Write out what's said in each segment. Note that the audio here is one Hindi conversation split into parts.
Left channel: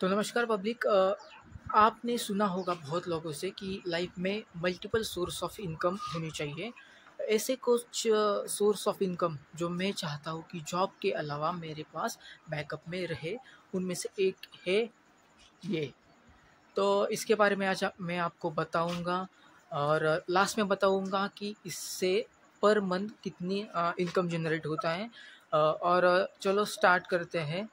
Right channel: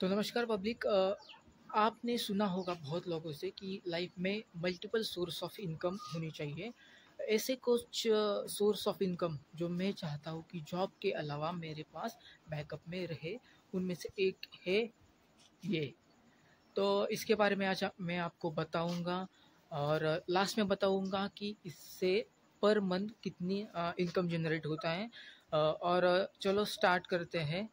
तो नमस्कार पब्लिक। आपने सुना होगा बहुत लोगों से कि लाइफ में मल्टीपल सोर्स ऑफ इनकम होनी चाहिए। ऐसे कुछ सोर्स ऑफ इनकम जो मैं चाहता हूँ कि जॉब के अलावा मेरे पास बैकअप में रहे, उनमें से एक है ये। तो इसके बारे में आज मैं आपको बताऊंगा और लास्ट में बताऊंगा कि इससे पर मंथ कितनी इनकम जनरेट होता है। और चलो स्टार्ट करते हैं।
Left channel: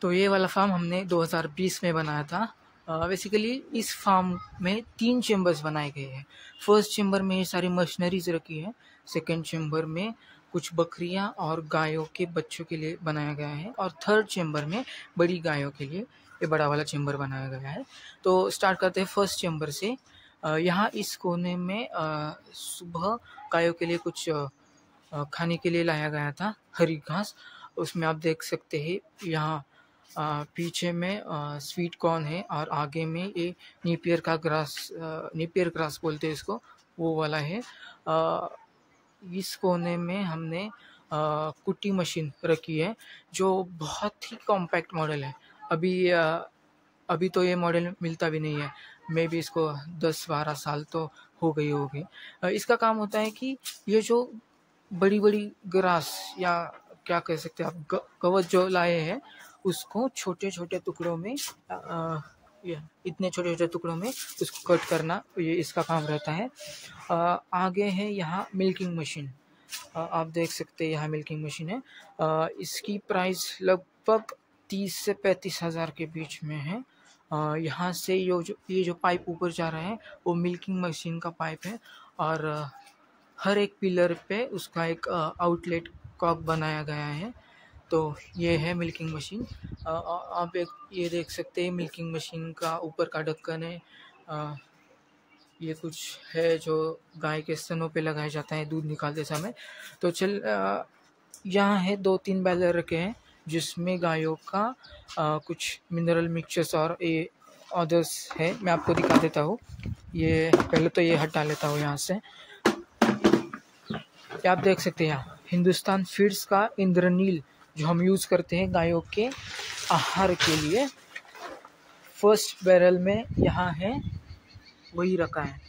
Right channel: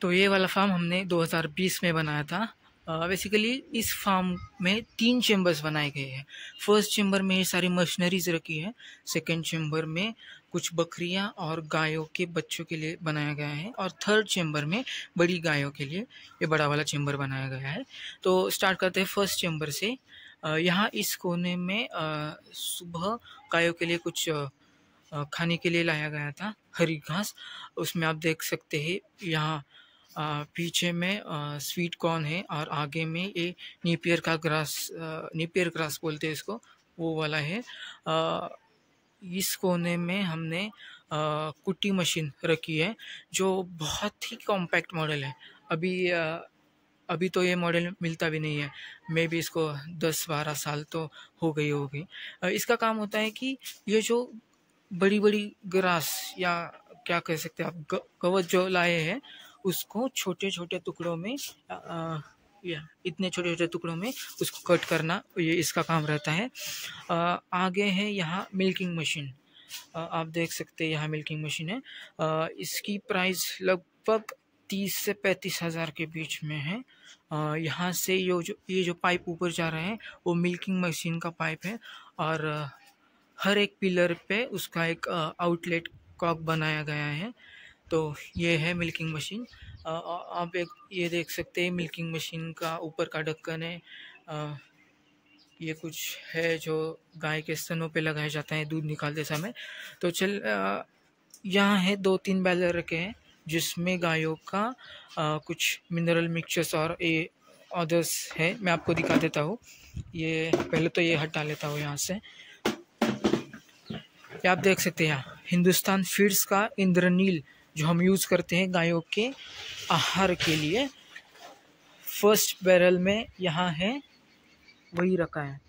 तो ये वाला फार्म हमने 2020 में बनाया था। बेसिकली इस फार्म में 3 चेम्बर्स बनाए गए हैं। फर्स्ट चेम्बर में ये सारी मशीनरीज रखी है। सेकंड चेम्बर में कुछ बकरियां और गायों के बच्चों के लिए बनाया गया है, और थर्ड चेम्बर में बड़ी गायों के लिए ये बड़ा वाला चेम्बर बनाया गया है। तो स्टार्ट करते हैं फर्स्ट चेम्बर से। यहाँ इस कोने में सुबह गायों के लिए कुछ खाने के लिए लाया गया था, हरी घास। उसमें आप देख सकते हैं यहाँ पीछे में स्वीट कॉर्न है, और आगे में ये नेपियर ग्रास बोलते हैं इसको, वो वाला है। इस कोने में हमने कुट्टी मशीन रखी है, जो बहुत ही कॉम्पैक्ट मॉडल है। अभी तो ये मॉडल मिलता भी नहीं है। मे भी इसको 10-12 साल तो हो गई होगी। इसका काम होता है कि ये जो बड़ी बड़ी ग्रास या क्या कह सकते हैं आप, कवच जो लाए हैं, उसको छोटे छोटे टुकड़ों में इतने छोटे छोटे टुकड़ों में उसको कट करना, ये इसका काम रहता है। आगे है यहाँ मिल्किंग मशीन। आप देख सकते हैं यहाँ मिल्किंग मशीन है। इसकी प्राइस लगभग 30 से 35 हज़ार के बीच में है। यहाँ से ये जो पाइप ऊपर जा रहा है वो मिल्किंग मशीन का पाइप है, और हर एक पिलर पे उसका एक आउटलेट कॉक बनाया गया है। तो ये है मिल्किंग मशीन। आप एक ये देख सकते हैं मिल्किंग मशीन का ऊपर का ढक्कन है। ये कुछ है जो गाय के स्तनों पे लगाया जाता है दूध निकालते समय। तो यहाँ है 2-3 बैलर रखे हैं, जिसमें गायों का कुछ मिनरल मिक्सचर्स और ये अदर्स है। मैं आपको दिखा देता हूँ। ये पहले तो ये हटा लेता हूँ यहाँ से। आप देख सकते हैं यहाँ हिंदुस्तान फीड्स का इंद्रनील जो हम यूज़ करते हैं गायों के आहार के लिए। फर्स्ट बैरल में यहाँ है वही रखा है,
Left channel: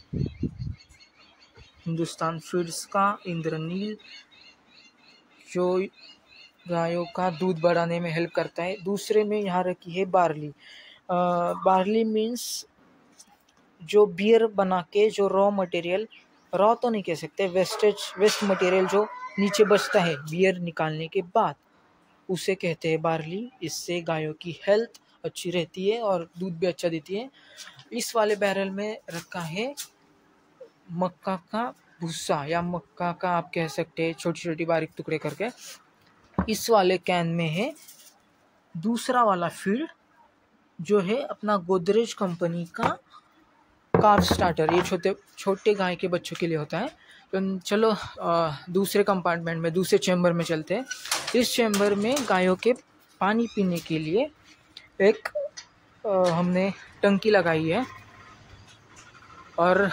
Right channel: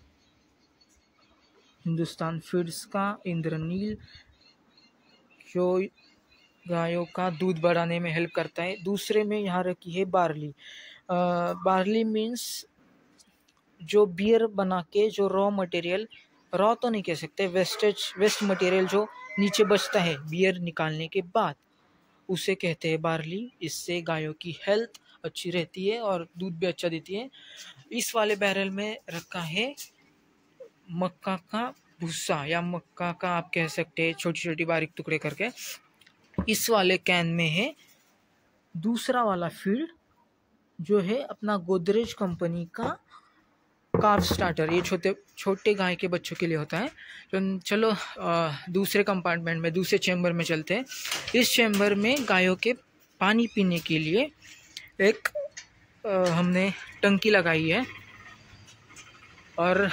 हिंदुस्तान फीड्स का इंद्रनील, जो गायों का दूध बढ़ाने में हेल्प करता है। दूसरे में यहाँ रखी है बार्ली। बार्ली मीन्स जो बियर बना के जो रॉ मटेरियल, रॉ तो नहीं कह सकते, वेस्ट मटेरियल जो नीचे बचता है बियर निकालने के बाद, उसे कहते हैं बार्ली। इससे गायों की हेल्थ अच्छी रहती है और दूध भी अच्छा देती है। इस वाले बैरल में रखा है मक्का का भूसा, या मक्का का आप कह सकते हैं छोटी छोटी बारीक टुकड़े करके। इस वाले कैन में है दूसरा वाला फीड, जो है अपना गोदरेज कंपनी का काफ स्टार्टर। ये छोटे छोटे गाय के बच्चों के लिए होता है। तो चलो दूसरे कंपार्टमेंट में, दूसरे चैम्बर में चलते हैं। इस चैम्बर में गायों के पानी पीने के लिए एक हमने टंकी लगाई है, और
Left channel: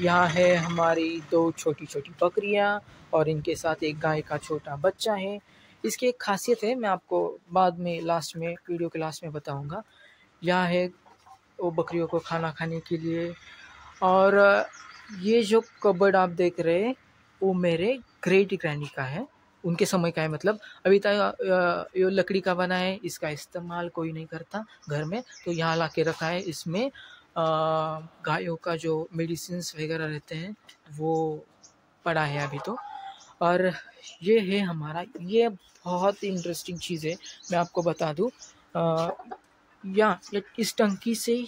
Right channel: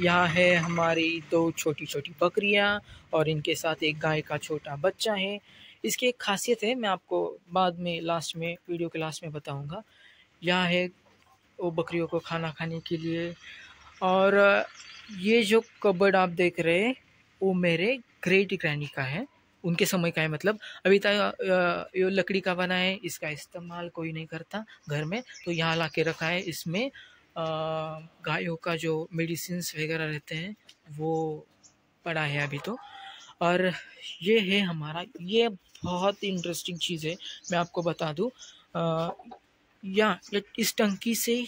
यहाँ है हमारी 2 छोटी छोटी बकरियाँ, और इनके साथ एक गाय का छोटा बच्चा है। इसकी एक खासियत है, मैं आपको बाद में लास्ट में, वीडियो के लास्ट में बताऊँगा। यहाँ है वो बकरियों को खाना खाने के लिए। और ये जो कबर्ड आप देख रहे हैं वो मेरे ग्रेट ग्रैंडी का है, उनके समय का है। मतलब अभी तक ये लकड़ी का बना है, इसका इस्तेमाल कोई नहीं करता घर में, तो यहाँ ला के रखा है। इसमें गायों का जो मेडिसिन्स वगैरह रहते हैं वो पड़ा है अभी तो। और ये है हमारा, ये बहुत इंटरेस्टिंग चीज़ है, मैं आपको बता दूँ। या इस टंकी से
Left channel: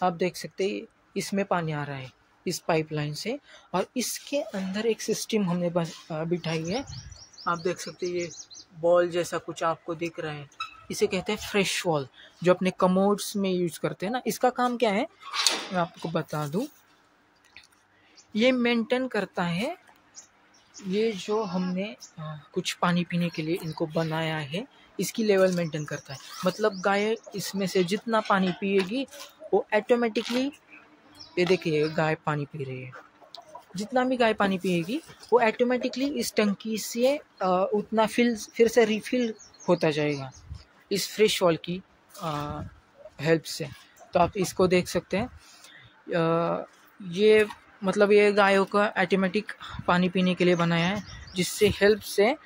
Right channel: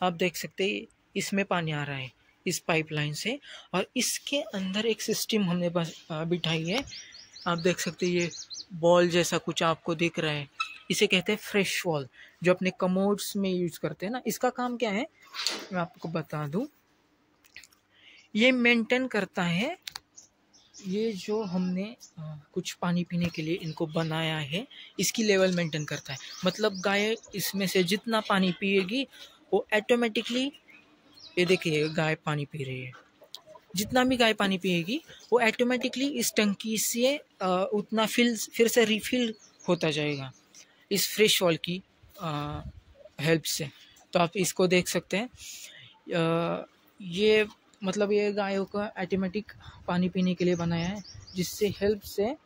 आप देख सकते हैं इसमें पानी आ रहा है इस पाइपलाइन से, और इसके अंदर एक सिस्टम हमने बिठाई है। आप देख सकते हैं ये बॉल जैसा कुछ आपको दिख रहा है, इसे कहते हैं फ्रेश वॉल, जो अपने कमोड्स में यूज करते हैं ना। इसका काम क्या है मैं आपको बता दूं। ये मेंटेन करता है, ये जो हमने कुछ पानी पीने के लिए इनको बनाया है, इसकी लेवल मेंटेन करता है। मतलब गाय इसमें से जितना पानी पिएगी वो ऑटोमेटिकली, ये देखिए गाय पानी पी रही है, जितना भी गाय पानी पिएगी वो ऑटोमेटिकली इस टंकी से उतना फिर से रिफिल होता जाएगा इस फ्रेश वॉल की हेल्प से। तो आप इसको देख सकते हैं। ये मतलब ये गायों का ऑटोमेटिक पानी पीने के लिए बनाया है, जिससे हेल्प से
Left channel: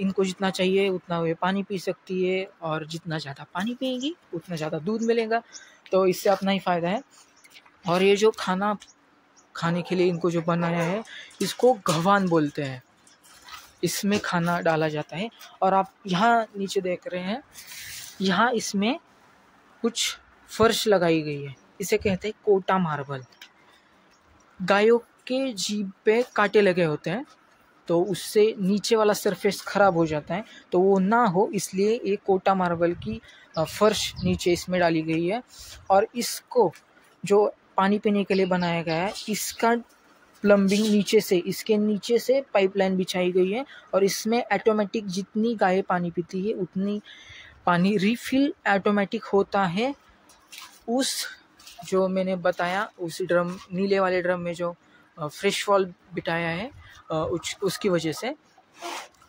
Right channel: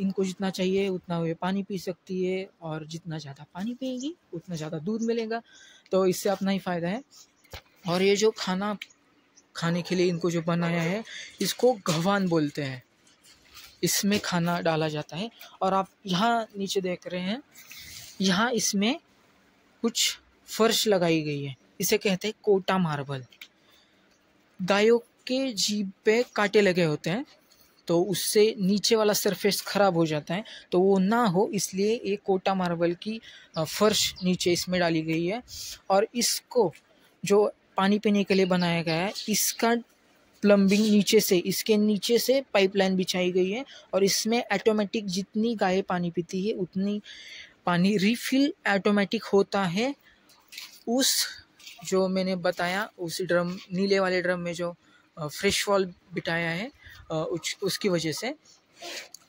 इनको जितना चाहिए उतना वे पानी पी सकती है, और जितना ज़्यादा पानी पिएगी उतना ज़्यादा दूध मिलेगा। तो इससे अपना ही फ़ायदा है। और ये जो खाना खाने के लिए इनको जो बनाया है, इसको गहवान बोलते हैं। इसमें खाना डाला जाता है। और आप यहाँ नीचे देख रहे हैं, यहाँ इसमें कुछ फर्श लगाई गई है, इसे कहते हैं कोटा मार्बल। गायों के जीभ पे कांटे लगे होते हैं, तो उससे नीचे वाला सरफेस ख़राब हो जाता है, तो वो ना हो इसलिए एक कोटा मार्बल की फर्श नीचे इसमें डाली गई है। और इसको जो पानी पीने के लिए बनाया गया है, इसका प्लम्बिंग नीचे से, इसके नीचे से पाइपलाइन बिछाई गई है। और इसमें ऑटोमेटिक जितनी गाय पानी पीती है उतनी पानी रिफिल ऑटोमेटिक होता है। उस जो मैंने बताया उस ड्रम, नीले वाले ड्रम में जो फ्रेश वॉल बिठाया है, उसकी वजह से।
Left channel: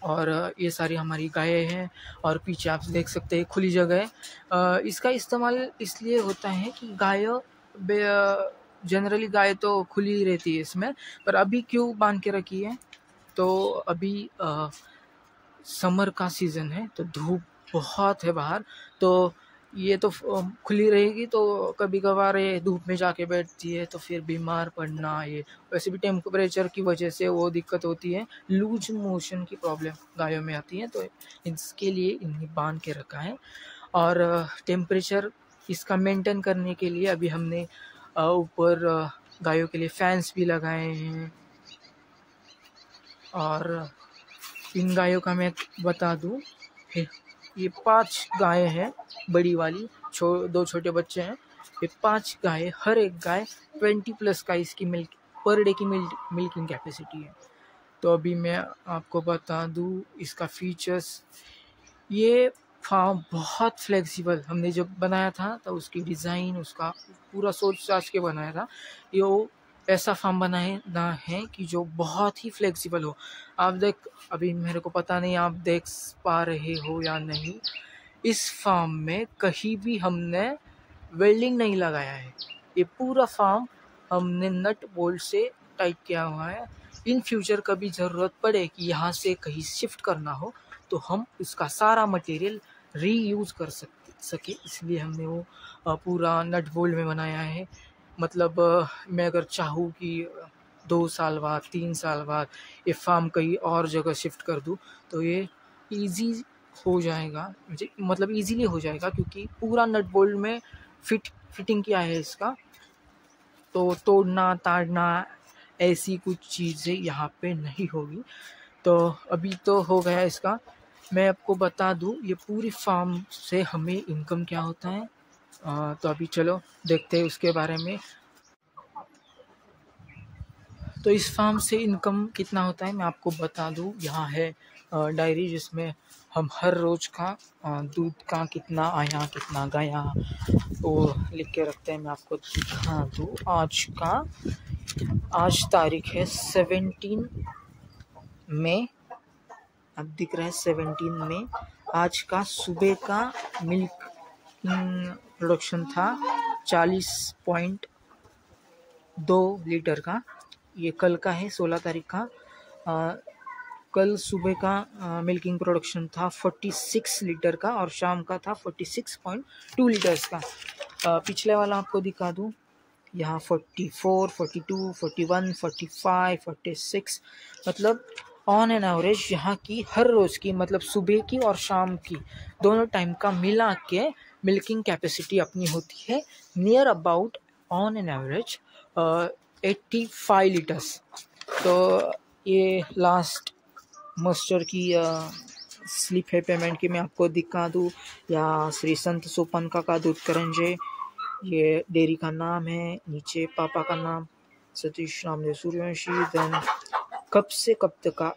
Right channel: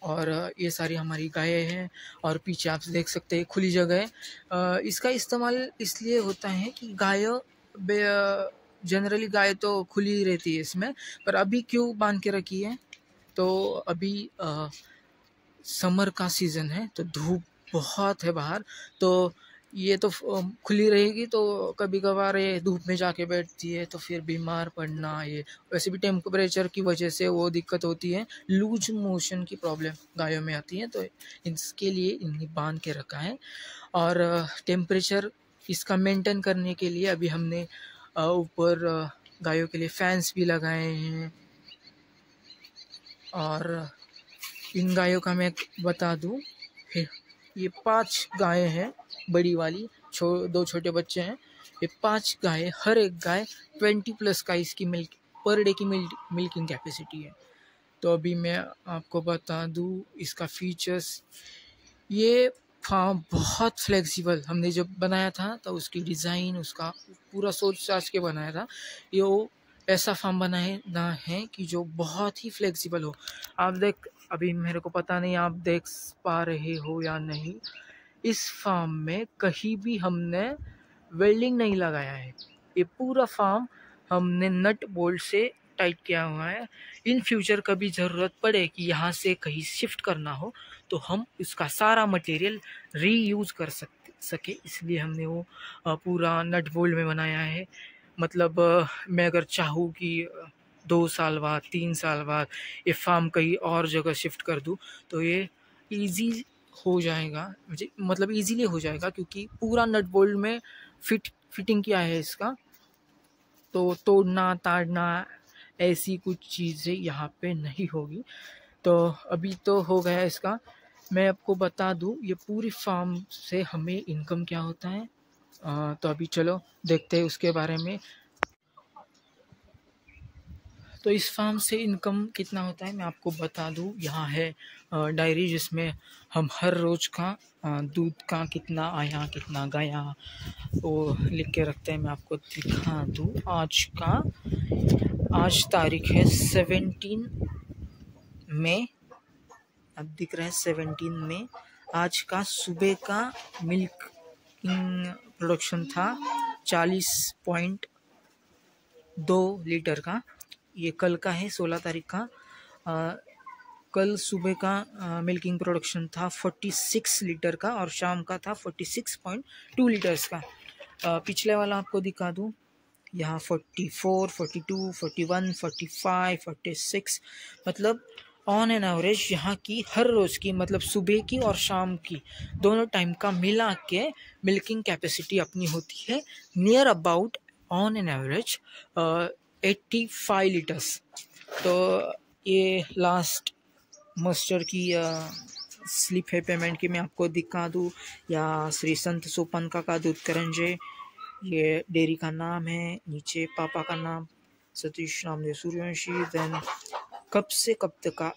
और ये सारी हमारी गायें हैं, और पीछे आप देख सकते हैं खुली जगह है। इसका इस्तेमाल इसलिए होता है कि जनरली गाय तो खुली रहती है इसमें, पर अभी क्यों बांध के रखी है, तो अभी समर का सीज़न है, तो धूप बहुत है बाहर, तो ये तो खुली रहेगी, तो कभी कभार ये धूप में जाके बैठती है, तो फिर बीमार पड़ना, ये वैसे भी टेम्परेचर की वजह से वो दिक्कत होती है, लूज मोशन की प्रॉब्लम गायों में आती है, तो इसके लिए इन्हें बांध के रखा है। और टेम्परेचर इसका मेंटेन करने के लिए अभी हमने ऊपर गायों के लिए फैंस भी लगाए हैं। और इन गायों का मैं बता दूं, ये 5 गायें हैं, बड़ी वाली, 2 छोटे बच्चे हैं। ये 5 गायें, हर एक गाय 20+ का इसकी मिल्क पर डे की मिल्किंग कैपेसिटी है। तो अभी मैं आपको बता दूं इसका फीचर्स। ये फार्म बहुत फ्लेक्सिबल, हमने जब बनाया था तो उसकी डिज़ाइन, उसका पूरा सोच साच के बनाया था। ये ऐसा फार्म बनाना है कि जो बहुत ही फ्लेक्सिबल हो। आप देख, अभी मेरे को पता नहीं आप देख पा रहे हो या नहीं, इस फार्म में कहीं भी हमने वेल्डिंग नहीं लगाया है। ये पूरा फार्म हमने नट बोल्ट से टाइट किया हुआ है। इन फ्यूचर कभी ज़रूरत पड़े कि यहाँ से कहीं शिफ्ट करना हो, तो हम इसका सारा मटेरियल रीयूज़ कर सके, इसलिए हमने वो पूरा नट बोल्ट में बनाया है। मतलब मैं अगर चाहूँ कि 2 साल बाद, 3 साल बाद ये फार्म कहीं और जगह शिफ्ट कर दूँ, तो ये ईजी हो जाएगा, मतलब ईजीली हो जाएगा, क्योंकि पूरा नट बोल्ट में फिटिंग किया है इसका, तो तोड़ना ताड़ना ऐसी कुछ चीज़ें यहाँ पे नहीं होगी। तो अभी तो हो गया इसका। मैं आपको बता दूँ ये पूरी फार्म से हमें इनकम क्या होता है। तो अभी चलो देखते हैं उसके बारे में। तो इस फार्म से इनकम कितना होता है मैं आपको बता दूँ। यहाँ है डायरी, जिसमें हम हर रोज़ का दूध का कितना आया कितना गया वो लिख के रखते हैं। मैं आपको दिखा दूँ, आज तारीख है 17 मई, अब दिख रहा है 17 मई। आज का सुबह का मिल्क प्रोडक्शन था 40.2 लीटर का। ये कल का है 16 तारीख का। कल सुबह का मिल्किंग प्रोडक्शन था 46 लीटर का, और शाम का था 46.2 लीटर्स का। पिछले वाला आपको दिखा दूँ, यहाँ 44, 42, 41, 45, 46, मतलब ऑन एन एवरेज यहाँ की हर रोज़ की, मतलब सुबह की और शाम की दोनों टाइम का मिला के मिल्किंग कैपेसिटी अपनी होती है near about on an average 85 litres. तो ये लास्ट मस्टर की स्लिप है पेमेंट की, मैं आपको दिखा दूँ, या श्री संत सोपन का दूध करंजे, ये डेयरी का नाम है, नीचे पापा का नाम सतीश रामदेव सूर्यवंशी। देन कब से कब तक का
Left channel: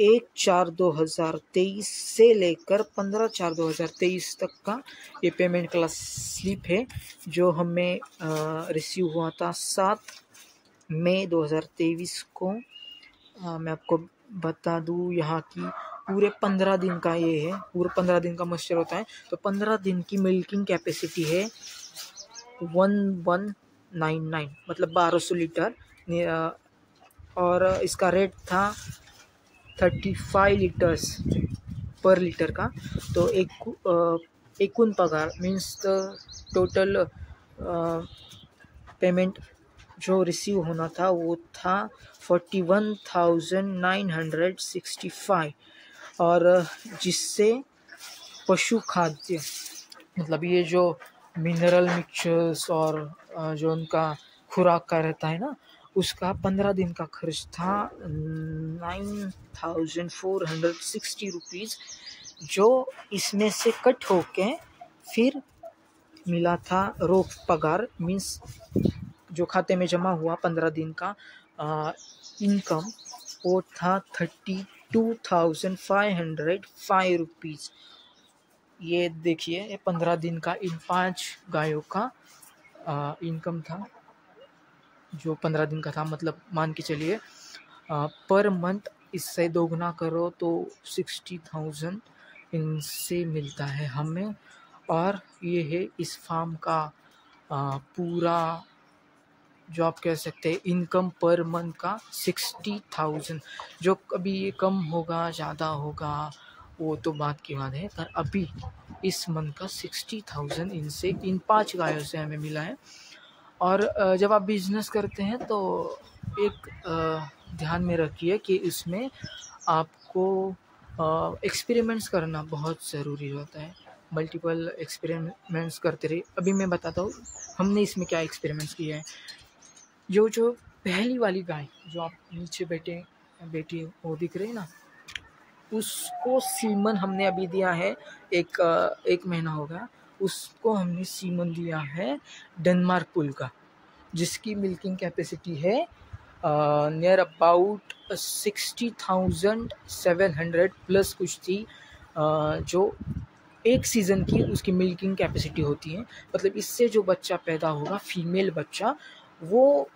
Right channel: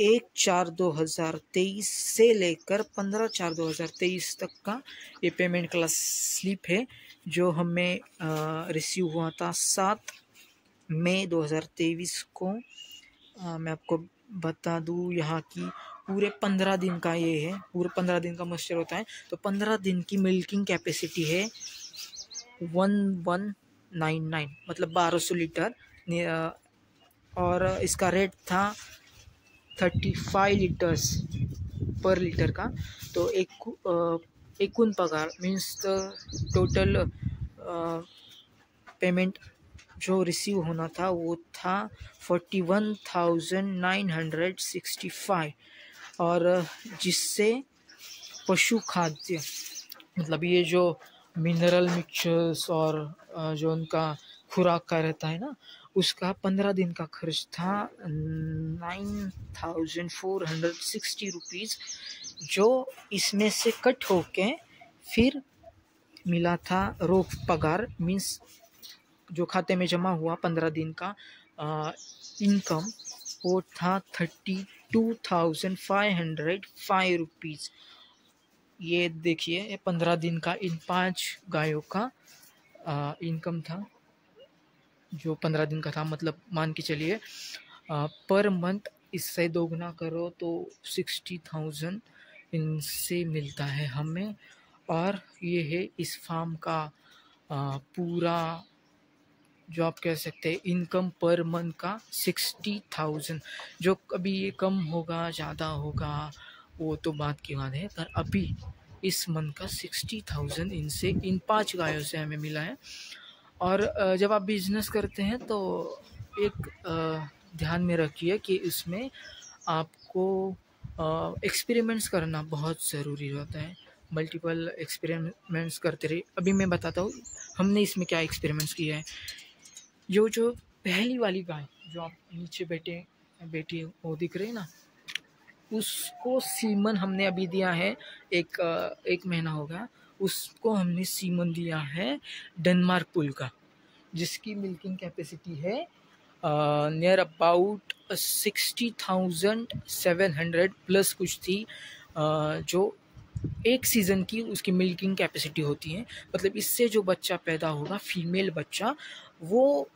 1/4/2023 से लेकर 15/4/2023 तक का ये पेमेंट का स्लिप है, जो हमें रिसीव हुआ था 7 मई 2023 को। मैं आपको बता दूँ यहाँ की पूरे 15 दिन का ये है, पूरे 15 दिन का मॉइस्चर होता है। तो 15 दिन की मिल्किंग कैपेसिटी है 1199, मतलब 1200 लीटर। और इसका रेट था 35 लीटर्स पर लीटर का। तो एकूण पगार मीन्स टोटल पेमेंट जो रिसीव होना था वो था 41,965। और जिससे पशु खाद्य, मतलब ये जो मिनरल मिक्सचर्स और जो उनका खुराक का रहता है ना, उसका 15 दिन का खर्च था 9,460 रुपीज़, जो इसमें से कट होके फिर मिला था रोक पगार, मीन्स जो खाते में जमा हुआ 15 दिन का इनकम, वो था 32,505 रुपीज़। ये देखिए, ये 15 दिन का इन 5 गायों का इनकम था, जो 15 दिन का था। मतलब मान के चलिए पर मंथ इससे दोगुना करो तो 60,000 इनसे मिलता है हमें। और ये है इस फार्म का पूरा जो आप कह सकते हैं इनकम पर मंथ का 60,000। जो कभी ये कम होगा ज़्यादा होगा वो तो बात की बात है, पर अभी इस मंथ का 60,000 इनसे, इन 5 गायों से हमें मिला है। और जब आप बिजनेस करते हैं तो एक ध्यान में रखिए कि इसमें आपको एक्सपेरिमेंट्स करना बहुत ज़रूरी होता है। मल्टीपल एक्सपेरिमेंट्स करते रहिए। अभी मैं बताता हूँ हमने इसमें क्या एक्सपेरिमेंट्स किया है। जो पहली वाली गाय जो आप नीचे बेटी वो दिख रही है ना, उसको सीमन हमने अभी दिया है, एक महीना हो गया। उसको हमने सीमन दिया है डेनमार्क पुल का, जिसकी मिल्किंग कैपेसिटी है नियर अबाउट 60,700 प्लस कुछ थी, जो एक सीज़न की उसकी मिल्किंग कैपेसिटी होती है। मतलब इससे जो बच्चा पैदा होगा, फीमेल बच्चा, वो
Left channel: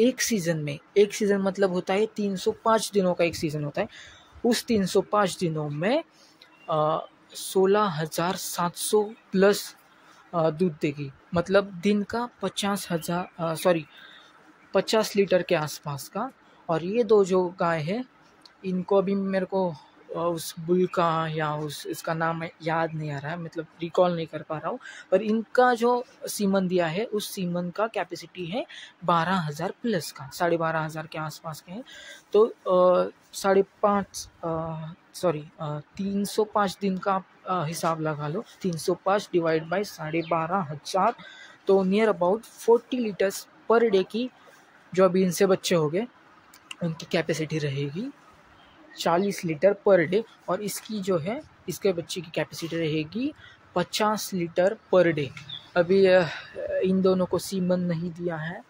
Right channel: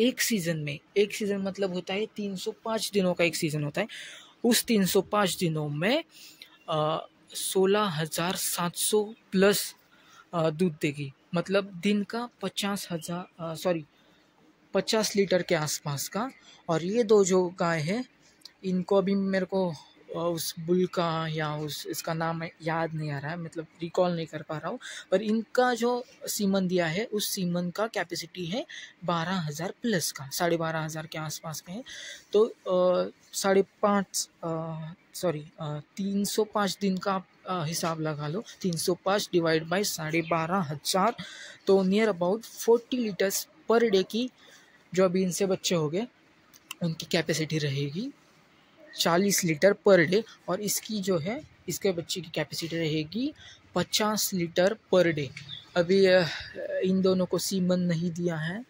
एक सीज़न मतलब होता है 305 दिनों का एक सीज़न होता है। उस 305 दिनों में 16,700 प्लस दूध देगी। मतलब दिन का 50 लीटर के आसपास का। और ये दो जो गाय है, इनको अभी मेरे को उस बुल का या इसका नाम याद नहीं आ रहा है, मतलब रिकॉल नहीं कर पा रहा हूँ। पर इनका जो सीमन दिया है, उस सीमन का कैपेसिटी है 12,000 प्लस का, 12,500 के आसपास का है। तो 305 दिन का हिसाब लगा लो, 305 डिवाइड बाई 12,500, तो near about 40 litres per day की जो अभी इनसे बच्चे हो गए उनकी कैपेसिटी रहेगी 40 लीटर पर डे। और इसकी जो है, इसके बच्चे की कैपेसिटी रहेगी 50 लीटर पर डे। अभी इन दोनों को सीमन नहीं दिया है,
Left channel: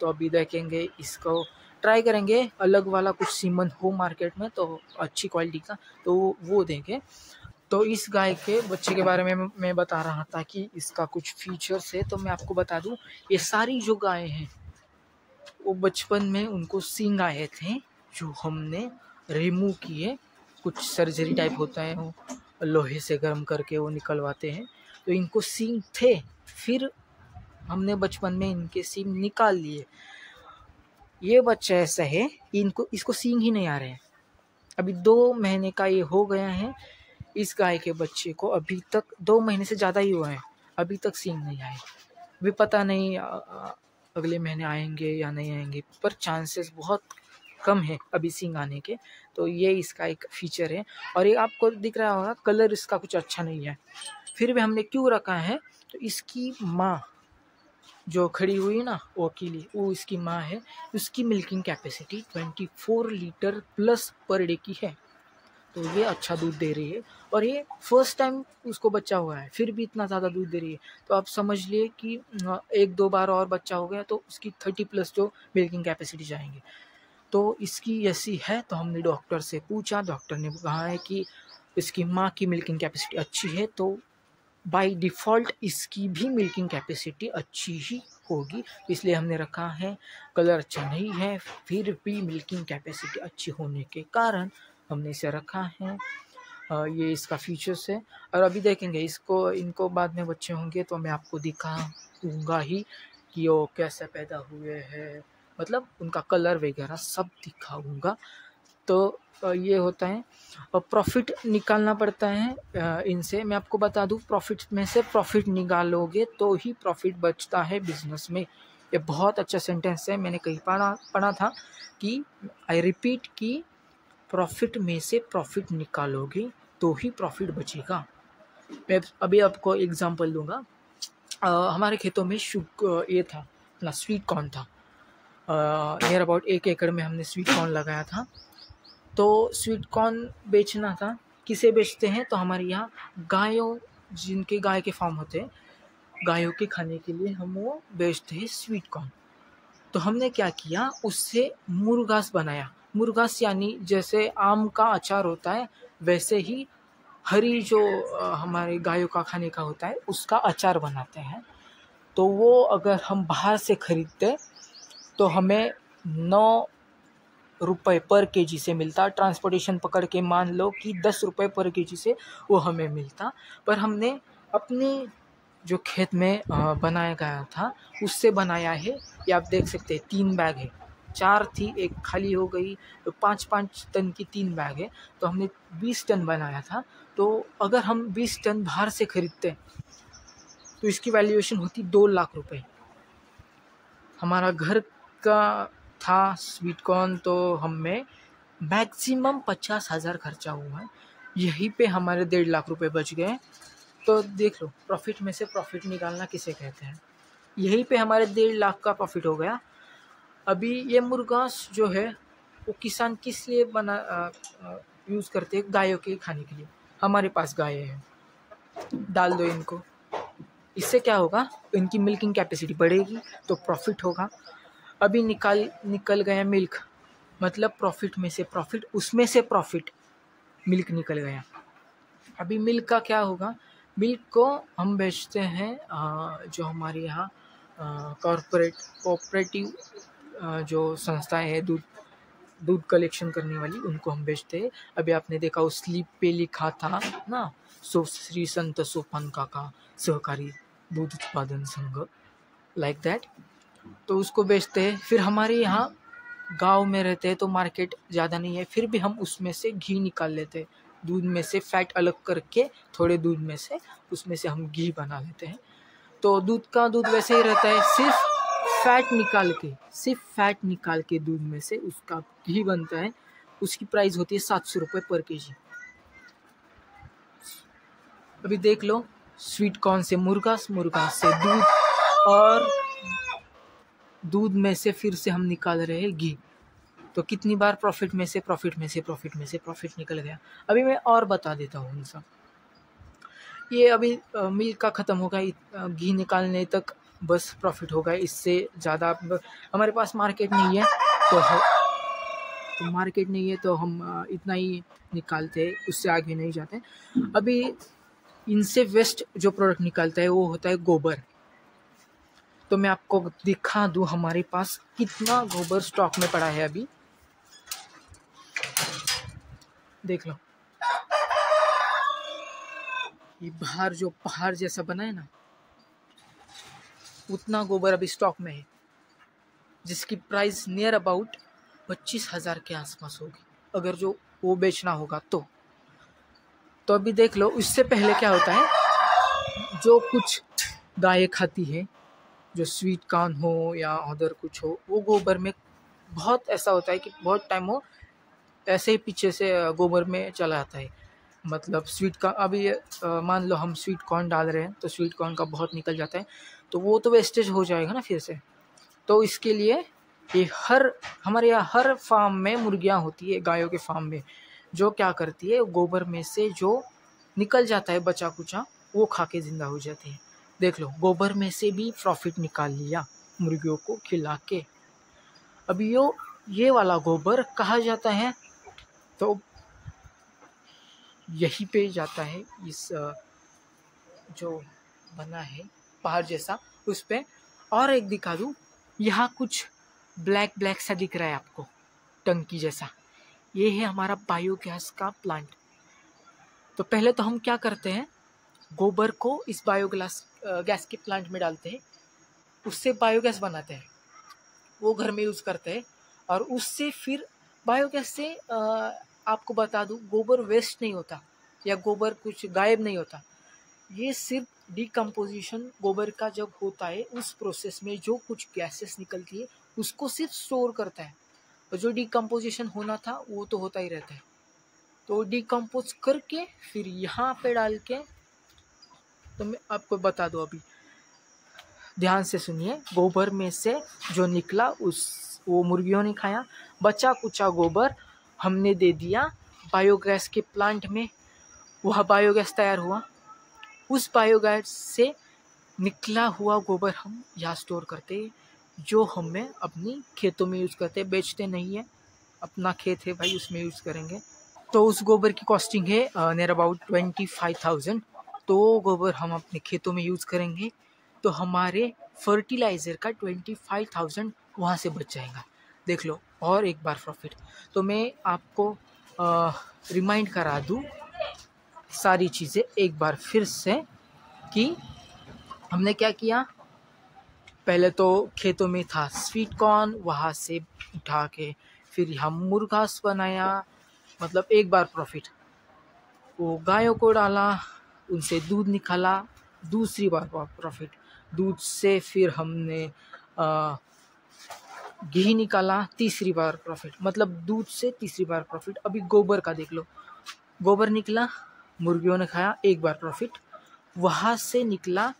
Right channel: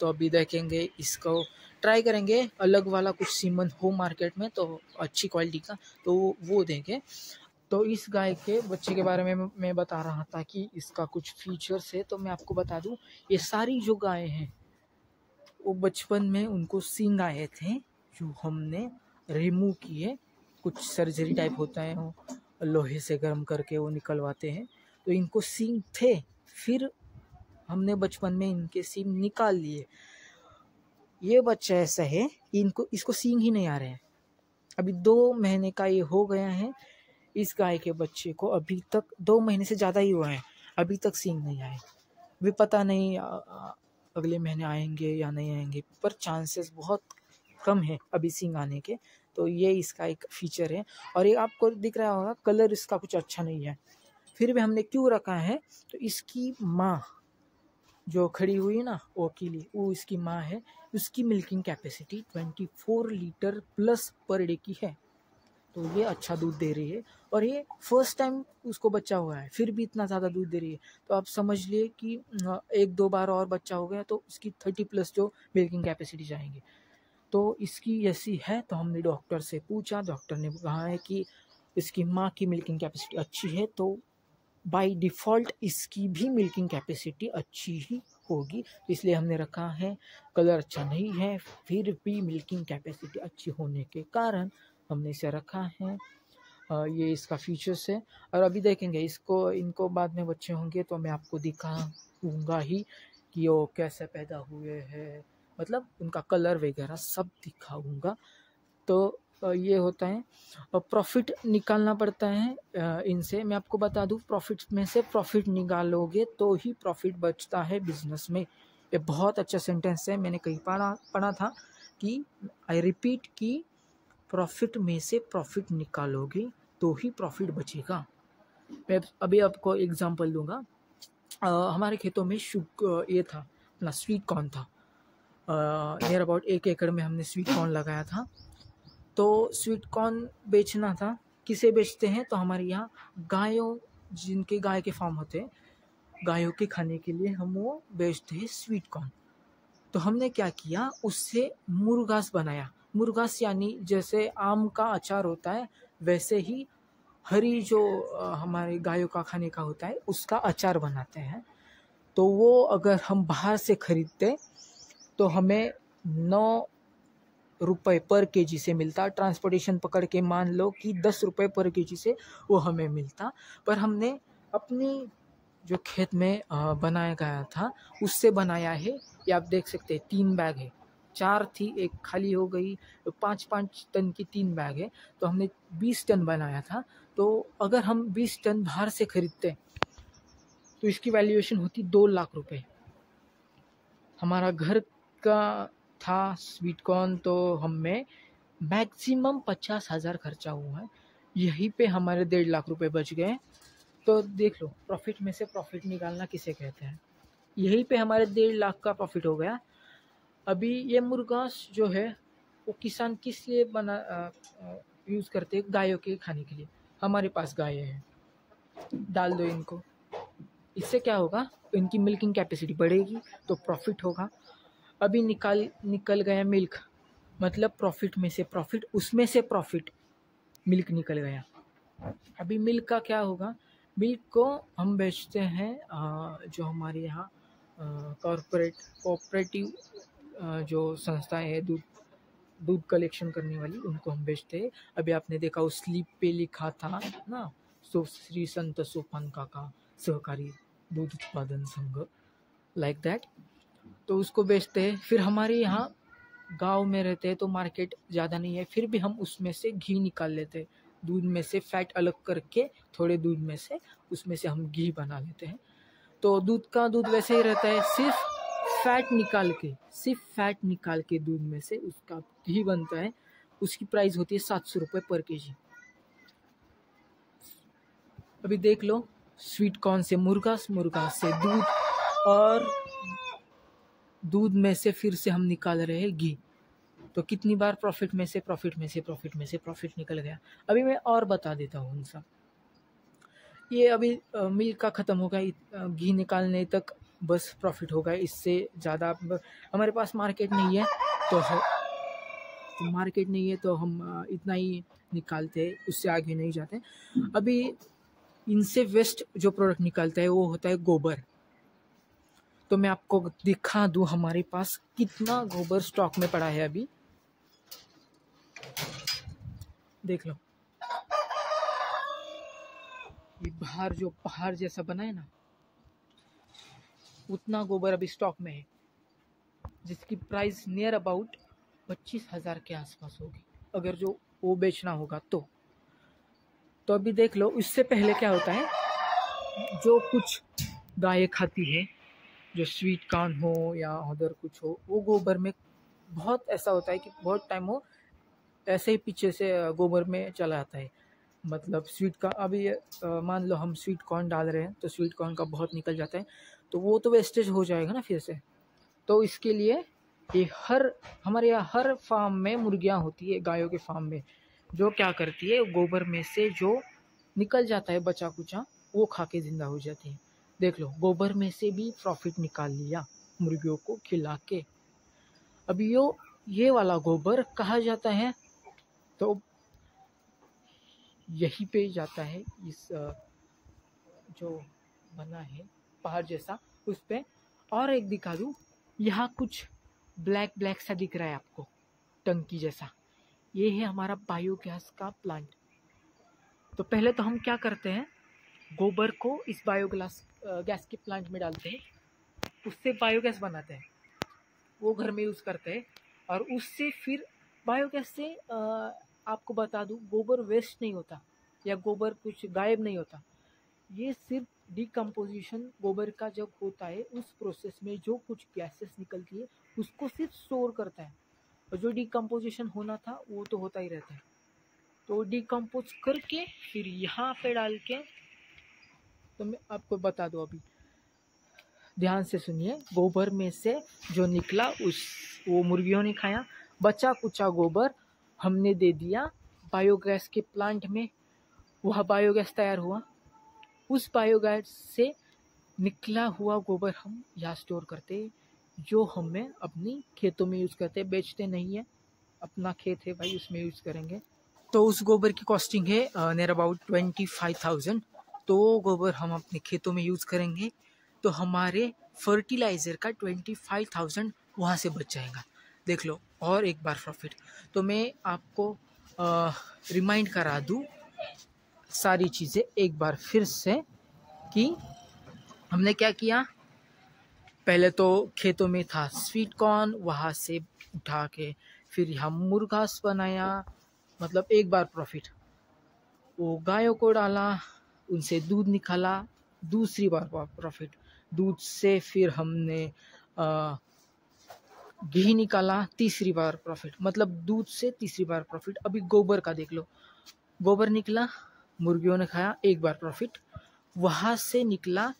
तो अभी देखेंगे, इसको ट्राई करेंगे अलग वाला कुछ सीमन हो मार्केट में तो अच्छी क्वालिटी का, तो वो देंगे। तो इस गाय के बच्चे के बारे में मैं बता रहा था कि इसका कुछ फीचर्स है। तो मैं आपको बता दूं, ये सारी जो गायें हैं वो बचपन में उनको सींग आए थे, जो हमने रिमूव किए। कुछ सर्जरी टाइप होता है, वो लोहे से गर्म करके वो निकलवाते हैं। तो इनको सींग थे, फिर हमने बचपन में इनके सींग निकाल लिए। ये बच्चा ऐसा है, इसको सींग ही नहीं आ रहे हैं। अभी 2 महीने का ये हो गया है। इस गाय के बच्चे को अभी तक 2 महीने से ज़्यादा ही हुआ है, अभी तक सींग नहीं आए। भी पता नहीं अगले महीने आएंगे या नहीं आएंगे, पर चांसेस बहुत कम है अभी सींग आने के। तो ये इसका एक फीचर है। और ये आपको दिख रहा होगा, कलर इसका कुछ अच्छा नहीं है, फिर भी हमने क्यों रखा है, तो इसकी माँ जो खड़ी हुई है ना, वो अकेली, वो इसकी माँ है। उसकी milking capacity 24 litre plus per day की है। तो ये अच्छा दूध दे रही है, और ये फर्स्ट टाइम उसको बच्चा हुआ है, फिर भी इतना ज़्यादा दूध दे रही है। तो आप समझ लिए कि 1-2 बार और बच्चा हो गया तो उसकी 30 प्लस जो मिल्किंग कैपेसिटी जाएंगे। तो इसकी ऐसी है। तो हमने डॉक्टर से पूछा, डॉक्टर ने कहा है कि इसकी माँ की मिल्किंग कैपेसिटी अच्छी है, तो बाय डिफ़ॉल्ट इसकी भी मिल्किंग कैपेसिटी अच्छी ही होगी, इसलिए हमने रखा है। कलर अच्छा नहीं है, फिर भी मिल्किंग कैपेसिटी अच्छी होने के कारण हमने इसे रखा है। ये इसका फीचर्स है। और अभी देखेंगे इनको बाद में बच्चे होंगे तो मैं आपको दिखाऊंगा ही कि वो कैसे पैदा हुए हैं, मतलब उनका कलर वगैरह सब दिखाऊंगा। तो ये होता है, प्रॉफिट निकालना पड़ता है इनसे। मैं आपको बता दूं, प्रॉफिट में से प्रॉफिट निकालोगे तो ही प्रॉफिट बचता है बिजनेस में। ये बहुत अच्छा सेंटेंस है, मैंने कहीं पढ़ा था कि आई रिपीट कि प्रॉफिट में से प्रॉफिट निकालोगे तो ही प्रॉफिट बचेगा। मैं अभी आपको एग्जांपल दूंगा। हमारे खेतों में ये था ना, स्वीट कॉर्न था। नियर अबाउट 1 एकड़ में हमने स्वीट कॉर्न लगाया था। तो स्वीट कॉर्न बेचना था। किसे बेचते हैं? तो हमारे यहाँ गायों, जिनके गाय के फार्म होते हैं, गायों के खाने के लिए हम वो बेचते हैं स्वीट कॉर्न। तो हमने क्या किया, उससे मुरगास बनाया। मुरगास यानी जैसे आम का अचार होता है, वैसे ही हरी जो हमारे गायों का खाने का होता है उसका अचार बनाते हैं। तो वो अगर हम बाहर से खरीदते तो हमें 9 रुपये पर केजी से मिलता। ट्रांसपोर्टेशन पकड़ के मान लो कि 10 रुपये पर केजी से वो हमें मिलता। पर हमने अपने जो खेत में बनाया गया था उससे बनाया है। ये आप देख सकते हैं 3 बैग है, 4 थी, एक खाली हो गई, तो 5-5 टन की 3 बैग है। तो हमने 20 टन बनाया था। तो अगर हम 20 टन बाहर से खरीदते तो इसकी वैल्यूएशन होती 2 लाख रुपए। हमारा घर का था स्वीट कॉर्न, तो हमें मैक्सिमम 50,000 खर्चा हुआ है, यहीं पे हमारे 1.5 लाख रुपए बच गए। तो देख लो, प्रॉफिट में से प्रॉफिट निकालना किसे कहते हैं। यहीं पे हमारे 1.5 लाख का प्रॉफिट हो गया। अभी ये मुर्गास जो है वो किसान किस लिए यूज़ करते हैं? गायों के खाने के लिए। हमारे पास गाय है, डाल दो इनको, इससे क्या होगा, इनकी मिल्किंग कैपेसिटी बढ़ेगी तो प्रॉफिट होगा। अभी निकल गया मिल्क, मतलब प्रॉफिट में से प्रॉफिट, उसमें से प्रॉफिट, मिल्क निकल गया। अभी मिल्क का क्या होगा, मिल्क को हम बेचते हैं जो हमारे यहाँ कोऑपरेटिव जो संस्थाएं है दूध कलेक्शन करने वाली, उनको हम बेचते हैं। अभी आपने देखा उस स्लिप पे लिखा था ना, श्री संत सोपान काका सहकारी दूध उत्पादन संघ, लाइक दैट। तो उसको बेचते हैं। फिर हमारे यहाँ गांव में रहते हैं तो मार्केट ज़्यादा नहीं है, फिर भी हम उसमें से घी निकाल लेते हैं। दूध में से फैट अलग करके, थोड़े दूध में से उसमें से हम घी बना लेते हैं। तो दूध वैसे ही रहता है, सिर्फ फैट निकाल के दूध में से उसका घी बनता है। उसकी प्राइस होती है 700 रुपये पर केजी। अभी देख लो, स्वीट कॉर्न से मुर्गास से दूध, और दूध में से फिर से हम निकाल रहे हैं घी। तो कितनी बार प्रॉफिट में से प्रॉफिट निकल गया। अभी मैं और बता देता हूँ उनसा। ये अभी मिल्क का ख़त्म होगा, घी निकालने तक बस प्रॉफिट होगा। इससे ज़्यादा हमारे पास मार्केट नहीं है, तो हम इतना ही निकालते हैं, उससे आगे नहीं जाते। अभी इनसे वेस्ट जो प्रोडक्ट निकालता है वो होता है गोबर। तो मैं आपको दिखा दूं हमारे पास कितना गोबर स्टॉक में पड़ा है। अभी देख लो, ये बाहर जो पहाड़ जैसा बना है ना, उतना गोबर अभी स्टॉक में है, जिसकी प्राइस नियर अबाउट 25,000 के आसपास होगी, अगर जो वो बेचना होगा तो अभी देख लो। इससे पहले क्या होता है, जो कुछ गाय खाती है, जो स्वीट कॉर्न हो या अदर कुछ हो, वो गोबर में बहुत ऐसा होता है कि बहुत टाइम वो ऐसे ही पीछे से गोबर में चला आता है। मतलब स्वीट कॉर्न, अभी मान लो हम स्वीट कॉर्न डाल रहे हैं तो स्वीट कॉर्न का बहुत निकल जाता है, तो वो तो वेस्टेज हो जाएगा ना फिर से। तो इसके लिए ये हमारे यहाँ हर फार्म में मुर्गियाँ होती है, गायों के फार्म में, जो क्या करती है, गोबर में से जो निकल जाता है बचा कुचा, वो खा के ज़िंदा हो जाती है। देख लो, गोबर में से भी प्रॉफिट निकाल लिया मुर्गियों को खिला के। अभी ये वाला गोबर कहाँ जाता है, तो यहीं पे जाता है, इस जो बना है पहाड़ जैसा उस पे। और एक दिखा दूँ, यहाँ कुछ ब्लैक सा दिख रहा है आपको, टंकी जैसा, ये है हमारा बायोगैस का प्लांट। तो पहले तो हम क्या करते हैं, गोबर को इस बायोगैस गैस के प्लांट में डालते हैं, उससे बायोगैस बनाते हैं, वो घर में यूज़ करते हैं। और उससे फिर बायोगैस से आपको बता दूं, गोबर वेस्ट नहीं होता या गोबर कुछ गायब नहीं होता। ये सिर्फ डिकम्पोजिशन गोबर का जब होता है, उस प्रोसेस में जो कुछ गैसेस निकलती है उसको सिर्फ स्टोर करता है। और जो डिकम्पोजिशन होना था वो तो होता ही रहता है। तो डिकम्पोज करके फिर यहाँ पे डाल के, तो मैं आपको बता दूँ, अभी ध्यान से सुनिए। गोबर में से जो निकला वो मुर्गियों ने खाया, बचा कुचा गोबर हमने दे दिया बायोगैस के प्लांट में, वह बायोगैस तैयार हुआ। उस बायोगैस से निकला हुआ गोबर हम यहाँ स्टोर करते हैं, जो हमें अपनी खेतों में यूज़ करते हैं, बेचते नहीं है। अपना खेत है भाई, उसमें यूज़ करेंगे। तो उस गोबर की कॉस्टिंग है नियर अबाउट 25,000। तो गोबर हम अपने खेतों में यूज़ करेंगे तो हमारे फर्टिलाइज़र का 25,000 वहाँ से बच जाएगा। देख लो, और एक बार प्रॉफिट। तो मैं आपको रिमाइंड करा दूँ सारी चीज़ें एक बार फिर से कि हमने क्या किया। पहले तो खेतों में था स्वीट कॉर्न, वहाँ से उठा के फिर हम मुर्गास बनाया, मतलब एक बार प्रॉफिट। वो गायों को डाला, उनसे दूध निकाला, दूसरी बार प्रॉफिट। दूध से फिर हमने घी निकाला, तीसरी बार प्रॉफिट। मतलब दूध से तीसरी बार प्रॉफिट। अभी गोबर का देख लो, गोबर निकला, मुर्गियों ने खाया, एक बार प्रॉफिट। वहाँ से निकला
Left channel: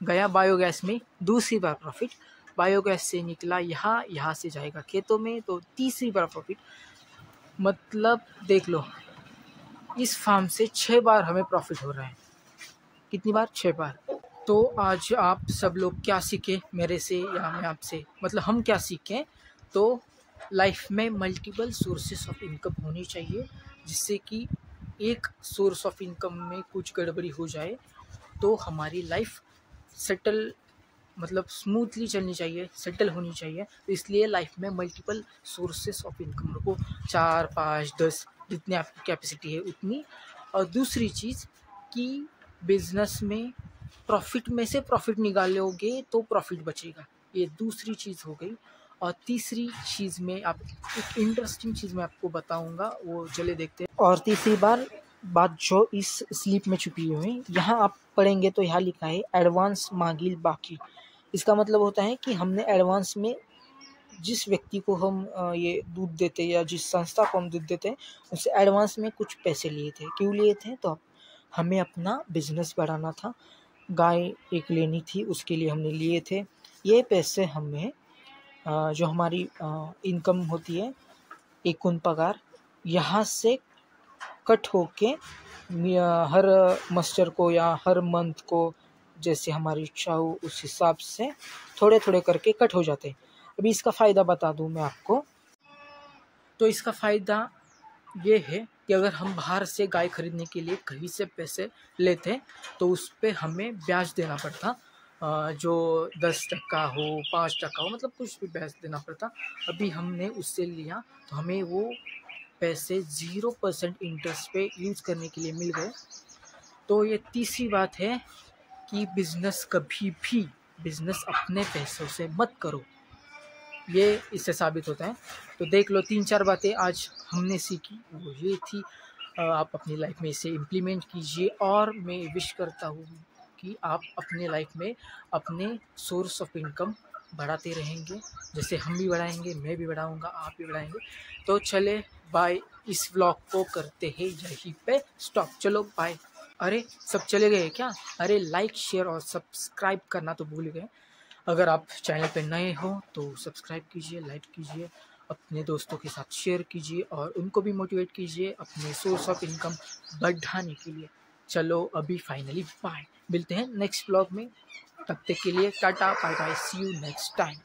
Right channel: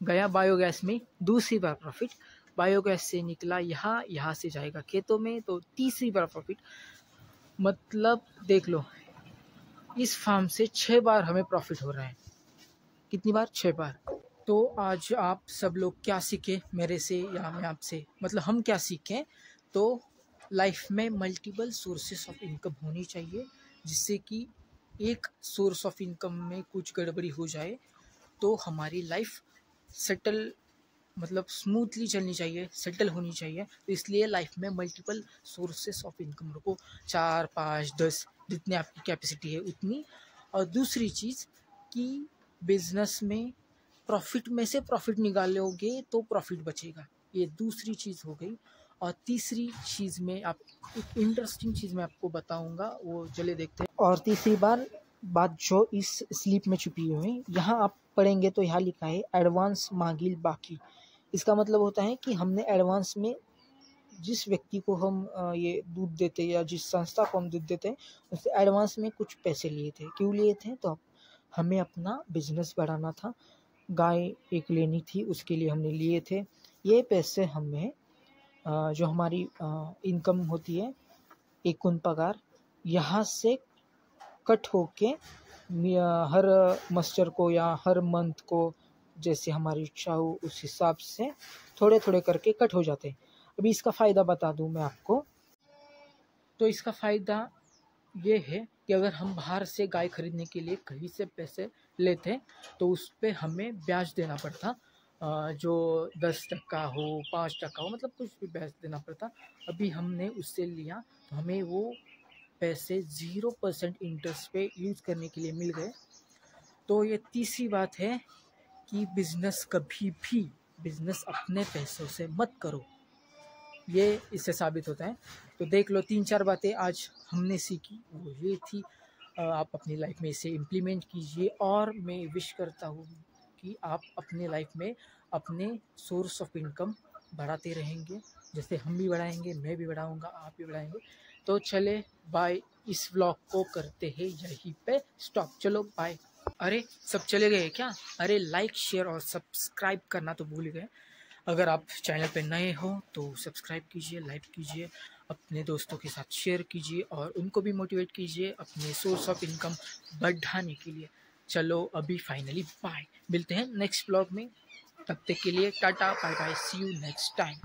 गया बायोगैस में, दूसरी बार प्रॉफिट। बायोगैस से निकला यहाँ से जाएगा खेतों में, तो तीसरी बार प्रॉफिट। मतलब देख लो, इस फार्म से 6 बार हमें प्रॉफिट हो रहा है। कितनी बार? 6 बार। तो आज आप सब लोग क्या सीखे मेरे से या मैं आपसे, मतलब हम क्या सीखें, तो लाइफ में मल्टीपल सोर्सेस ऑफ इनकम होनी चाहिए, जिससे कि एक सोर्स ऑफ इनकम में कुछ गड़बड़ी हो जाए तो हमारी लाइफ सेटल, मतलब स्मूथली चलनी चाहिए, सेटल होनी चाहिए। तो इसलिए लाइफ में मल्टीपल सोर्सेस ऑफ इनकम रखो, 4, 5, 10, जितनी आपकी कैपेसिटी है उतनी। और दूसरी चीज़ कि बिजनेस में प्रॉफिट में से प्रॉफिट निकालोगे तो प्रॉफिट बचेगा, ये दूसरी चीज़ हो गई। और तीसरी चीज़ में आप एक इंटरेस्टिंग चीज़ मैं आपको बताऊंगा, वो चले देखते हैं। और तीसरी बात जो इस स्लिप में छुपी हुई है, यहाँ आप पढ़ेंगे तो यहाँ लिखा है एडवांस मांगिल बाकी। इसका मतलब होता है कि हमने एडवांस में जिस व्यक्ति को हम ये दूध देते या जिस संस्था को हम दूध देते हैं, उससे एडवांस में कुछ पैसे लिए थे। क्यों लिए थे? तो हमें अपना बिजनेस बढ़ाना था, गाय एक लेनी थी, उसके लिए हमने लिए थे। ये पैसे हमें जो हमारी इनकम होती है, एकूण पगार, यहाँ से कट होके हर मस्टर को या हर मंथ को जैसे हमारी इच्छा हो उस हिसाब से थोड़े थोड़े करके कट हो जाते हैं। अभी इसका फ़ायदा बता दूं मैं आपको। तो इसका फ़ायदा ये है कि अगर हम बाहर से गाय खरीदने के लिए कहीं से पैसे लेते तो उस पर हमें ब्याज देना पड़ता, जो 10% हो, 5% हो, मतलब कुछ भी ब्याज देना पड़ता। अभी हमने उससे लिया तो हमें वो पैसे 0% इंटरेस्ट पे यूज़ करने के लिए मिल गए। तो ये तीसरी बात है कि बिज़नेस कभी भी बिज़नेस अपने पैसों से मत करो, ये इससे साबित होता है। तो देख लो, 3-4 बातें आज हमने सीखी, वो ये थी। आप अपनी लाइफ में इसे इम्प्लीमेंट कीजिए और मैं विश करता हूँ कि आप अपने लाइफ में अपने सोर्स ऑफ इनकम बढ़ाते रहेंगे, जैसे हम भी बढ़ाएंगे, मैं भी बढ़ाऊँगा, आप भी बढ़ाएंगे। तो चले बाय, इस व्लॉग को करते हैं यहीं पे स्टॉप। चलो बाय। अरे सब चले गए क्या? अरे लाइक, शेयर और सब्सक्राइब करना तो भूल गए। अगर आप चैनल पे नए हो तो सब्सक्राइब कीजिए, लाइक कीजिए, अपने दोस्तों के साथ शेयर कीजिए और उनको भी मोटिवेट कीजिए अपने सोर्स ऑफ इनकम बढ़ाने के लिए। चलो अभी फाइनली बाय, मिलते हैं नेक्स्ट ब्लॉग में। तब तक के लिए tata bye bye, see you next time.